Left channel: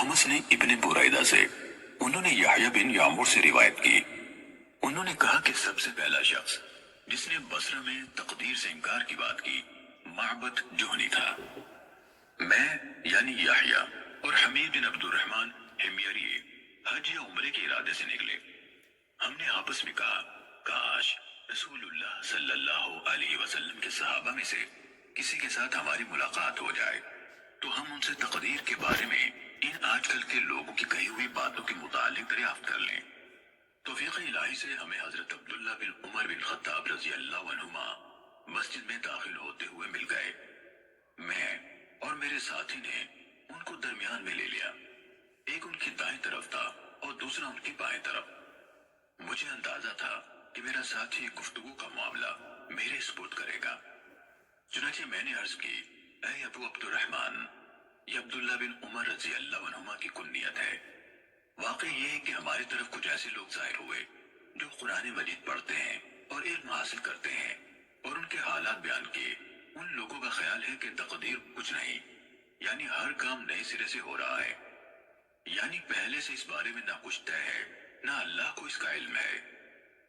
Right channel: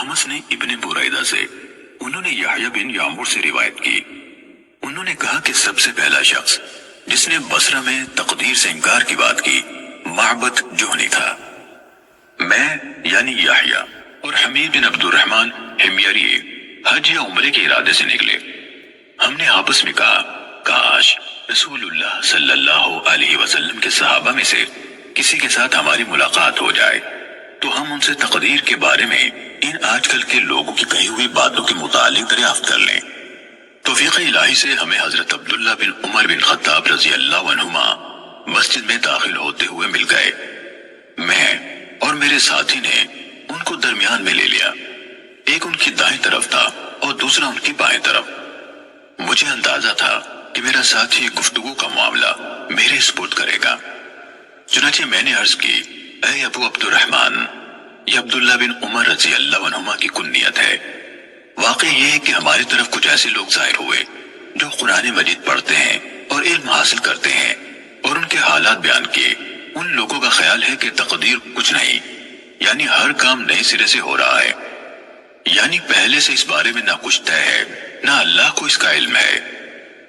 अहमस ने इब्ने बुरैदा से, उन्होंने यहया बिन यामुर से रिवायत की। उन्होंने कहा कि सबसे पहला शख्स जिसने बसरा में तकदीर से इनकार की बात की माबद जुहनी था। मैं यानी यहया और हमीद बिन अब्दुर्रहमान हिमयरी हज या उम्रे के इरादे से निकले। हमने आपस में कहा, काश रसूलुल्लाह सल्लल्लाहु अलैहि वसल्लम के सहाबा में से किसी के साथ हमारी मुलाकात हो जाए तो हम उनसे तकदीर के बारे में इन आजकल के लोगों की कही हुई बातों के मुतालिक दरियाफ्त कर लें। तौफीक इलाही से हमें हजरत अब्दुल्ला बिन उमर बिन खत्ताब रजी अल्लाह अन्हुमा मस्जिद में दाखिल होते हुए मिल गए। मैं और मेरे साथी ने उनको दरमियान में ले लिया। एक उनकी दाएं तरफ था और दूसरा उनकी बाएं तरफ। मुझे अंदाजा था कि मेरा साथी गुफ्तगू का मामला मेरे स्पुर्द करेगा। चुनाचे मैंने अर्ज की, ऐ अबू अब्दुर्रहमान, ये अब्दुल्ला बिन उमर रजी अल्लाह अन्हुमा की कुन्नियत है। वाकई ये है कि हमारी तरफ कुछ ऐसे लोग जाहिर हुए जो कुरान मजीद पढ़ते हैं और इल्म हासिल करते हैं, और उनके हालात बयान किए। उन लोगों का ख्याल है कि तकदीर कुछ नहीं, यानी हर काम नए सिरे से हो रहा है, यानी पहले से इस बारे में ना कुछ तय है ना अल्लाह को इसका इल्म है।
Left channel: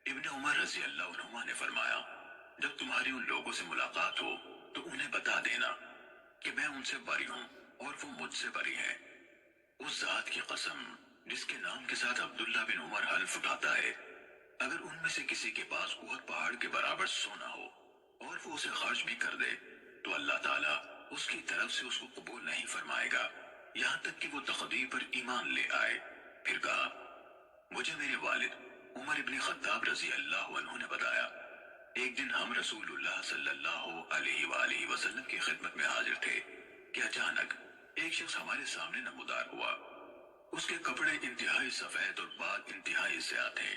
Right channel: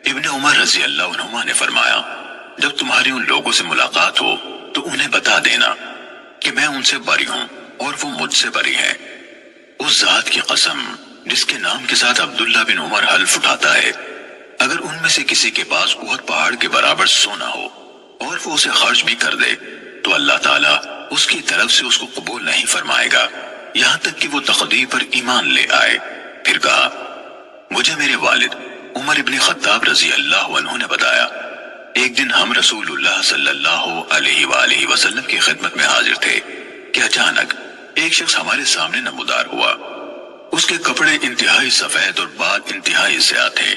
इब्ने उमर रजी अल्लाह अन्हुमा ने फरमाया, जब तुम्हारी उन लोगों से मुलाकात हो तो उन्हें बता देना कि मैं उनसे बरी हूं और वो मुझसे बरी हैं। उस जात की कसम जिसके नाम के साथ अब्दुल्ला बिन उमर हल्फ उठाता है, अगर उनमें से किसी के पास उहद पहाड़ के बराबर सोना हो और वो उसे खर्च भी कर दे तो अल्लाह ताला उसकी तरफ से उसको कबूल नहीं फरमाएगा यहाँ तक कि वो तकदीर पर ईमान ले आए। फिर कहा, मुझे मेरे वालिद उमर इब्ने खत्ताब रजी अल्लाह अन्हु ने बताया, एक दिन हम रसूलुल्लाह सल्लल्लाहु अलैहि वसल्लम की खिदमत में हाजिर थे कि अचानक एक शख्स हमारे सामने नमूदार हुआ। उसके कपड़े इंतहाई सफेद और बाल इंतहाई ज़्यादा थे।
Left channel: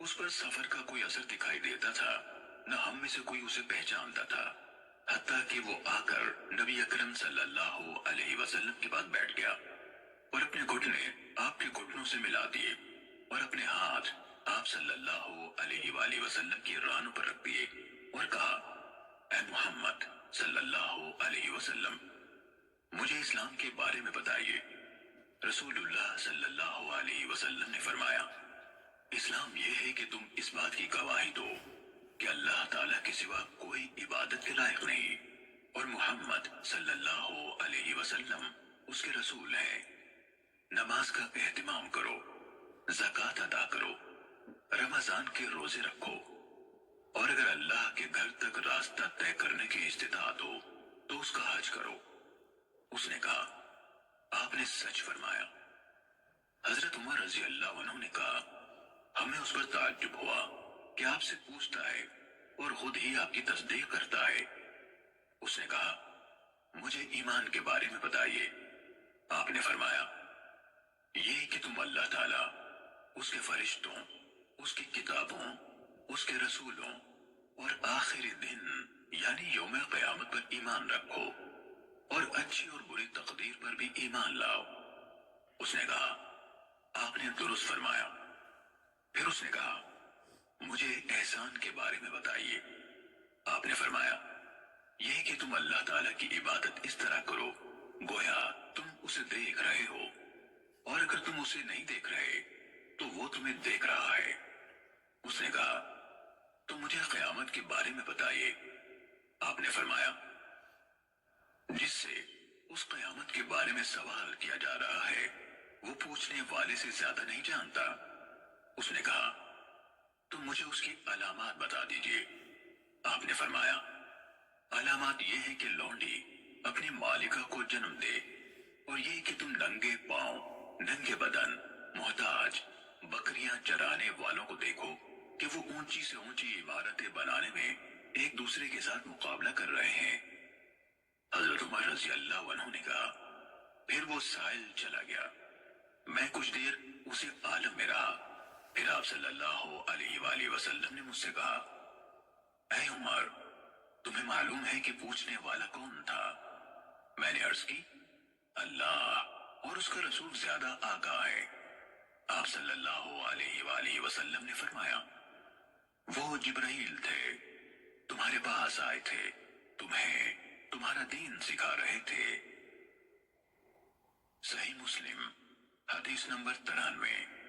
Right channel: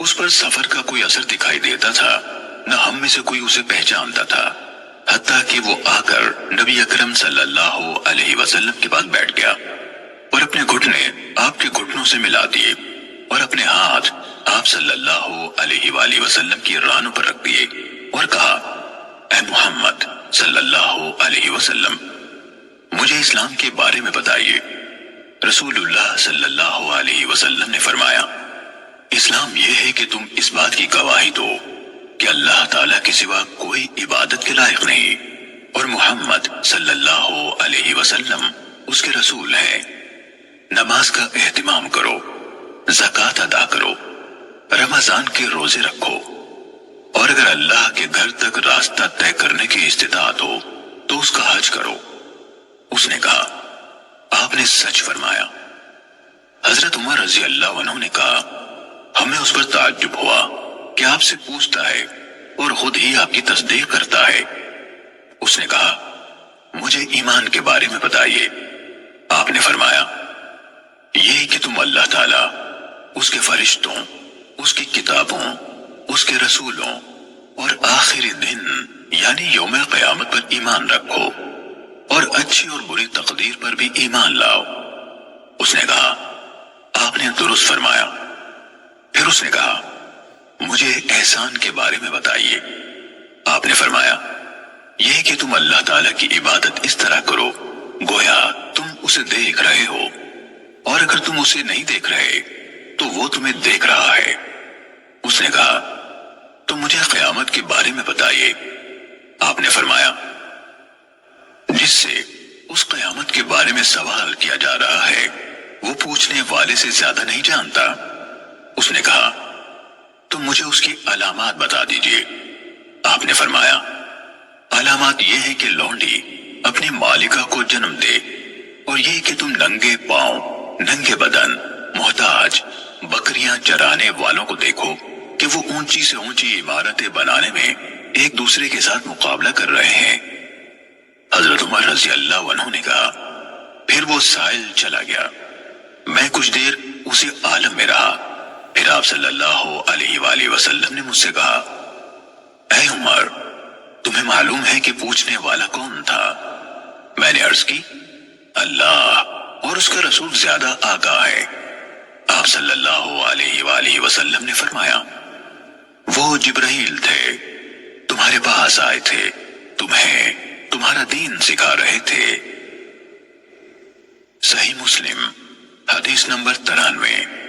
उस पर सफर का कोई असर दिखाई देता था, न हम में से कोई उसे पहचानता था, हत्ता कि वो आकर नबी अकरम सल्लल्लाहु अलैहि वसल्लम के पास बैठ गया और अपने घुटने आपके घुटनों से मिला दिए और अपने हाथ आप सल्लल्लाहु अलैहि वसल्लम की रानों पर रख दिए और कहा, ऐ मुहम्मद सल्लल्लाहु अलैहि वसल्लम, मुझे इस्लाम के बारे में बताइए। रसूलुल्लाह सल्लल्लाहु अलैहि वसल्लम ने फरमाया, इस्लाम यह है कि तुम इस बात की गवाही दो कि अल्लाह ताला के सिवा कोई इबादत के लायक नहीं और मोहम्मद सल्लल्लाहु अलैहि वसल्लम उसके रसूल हैं। नमाज का एहतिमाम करो, ज़कात अदा करो, रमजान के रोजे रखो, और अगर अल्लाह के घर तक रास्ता तय करने की इस्तिताअत हो तो उसका हज करो। उसने कहा, आपने सच फरमाया। हजरत उमर रजी अल्लाह अन्हु ने कहा, हमें उस पर ताज्जुब हुआ कि आपसे पूछता है और खुद ही आपकी तस्दीक करता है। उसने कहा, मुझे ईमान के बारे में बताइए। आपने फरमाया, ये कि तुम अल्लाह ताला, उसके फरिश्तों, उसकी किताबों, उसके रसूलों और आखिरी दिन यानी यौम क़यामत पर ईमान रखो और अच्छी और बुरी तकदीर पर भी ईमान लाओ। उसने कहा, आपने दुरुस्त फरमाया। फिर उसने कहा, मुझे एहसान के बारे में बताइए। आपने फरमाया, यह कि तुम अल्लाह ताला की इबादत इस तरह करो गोया तुम उसे देख रहे हो, और अगर तुम उसे नहीं देख रहे तो वो तुम्हें देख रहा है। उसने कहा, तो मुझे क़यामत के बारे में बताइए। आपने फरमाया, जिससे उस क़यामत के बारे में सवाल किया जा रहा है वो पूछने वाले से ज्यादा नहीं जानता। उसने कहा, तो मुझे उसकी अलामात बता दीजिए। आपने फरमाया, अलामात ये है कि लौंडी अपनी मालिका को जन्म दे, और ये कि तुम नंगे पांव, नंगे बदन, मोहताज बकरियां चराने वालों को देखो कि वो ऊंची से ऊंची इमारतें बनाने में एक दूसरे के साथ मुकाबला कर रहे हैं। हजरत उमर रजी अल्लाह अन्हु ने कहा, फिर वो साइल चला गया। मैं कुछ देर उसी आलम में रहा। फिर आप सल्लल्लाहु अलैहि वसल्लम ने मुझसे कहा, ऐ उमर, तुम्हें मालूम है कि पूछने वाला कौन था? मैंने अर्ज की, अल्लाह और उसका रसूल ज्यादा आगाह है। आप सल्लल्लाहु अलैहि वसल्लम ने फरमाया, वो जिब्राइल थे, तुम्हारे पास आए थे, तुम्हें तुम्हारा दीन सिखा रहे थे। صحیح مسلم حدیث نمبر 93